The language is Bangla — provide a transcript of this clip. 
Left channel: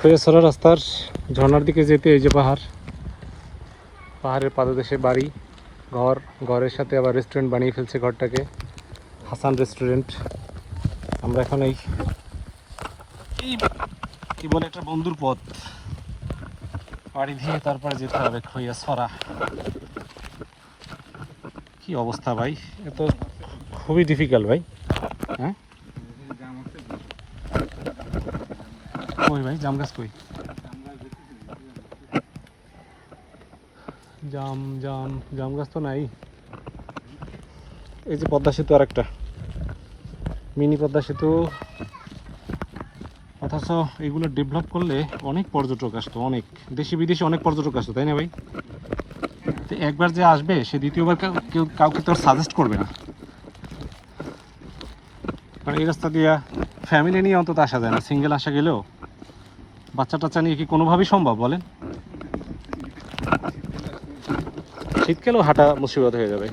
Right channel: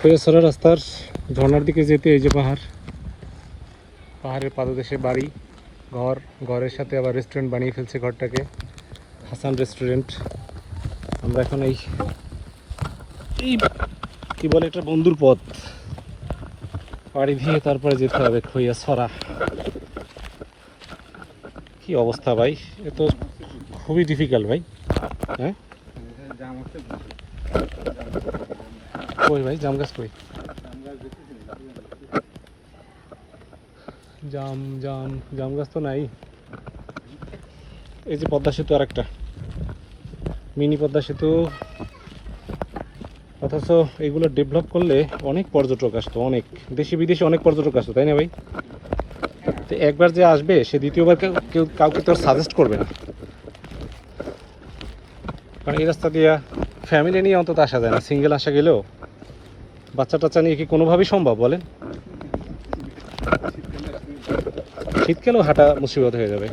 খৈয়াছড়া রাস্তার ঝর্ণার দিকে যেতে এই যে পাহাড়ের পাদদেশে বাড়ি, ঘরের সাথে আবার রেস্টুরেন্ট বানিয়ে ফেলছে ঘরটাকে, হাসান রেস্টুরেন্ট। আমরা এখন এই কি বলে এটা, বন্ধুর পথ পাড়ি দিয়ে তারপরে যেতে হবে খৈয়াছড়া। কি অবস্থা ভাই, এ তো খুবই ডিফিকাল্ট ভাই। হ্যাঁ কই ভাই জাম গাছ কই? জাম গাছ তো নাই। এই যে পদ্মা সেতু, আর একটা মিনি পদ্মা সেতু। অথচ এগুলো ডেভেলপ করলে অনেক পর্যটক আসতো, অনেক দেশি বিদেশি অনেক পর্যটক আসতো, তাই না ভাই? তো একবার যে আসবে সে দ্বিতীয়বার কাউকে তো সাজেস্ট করবে না, কারণ এই রাস্তা দিয়ে ফ্যামিলি নিয়ে অন্তত আসা যায় না। সিঙ্গেল আসা গেলেও বাচ্চা টাচ্চা নিয়ে কি কোনোভাবেই সম্ভব বলেন? শীতকালেও হাঁটা মুসিবত হয়ে যাবে।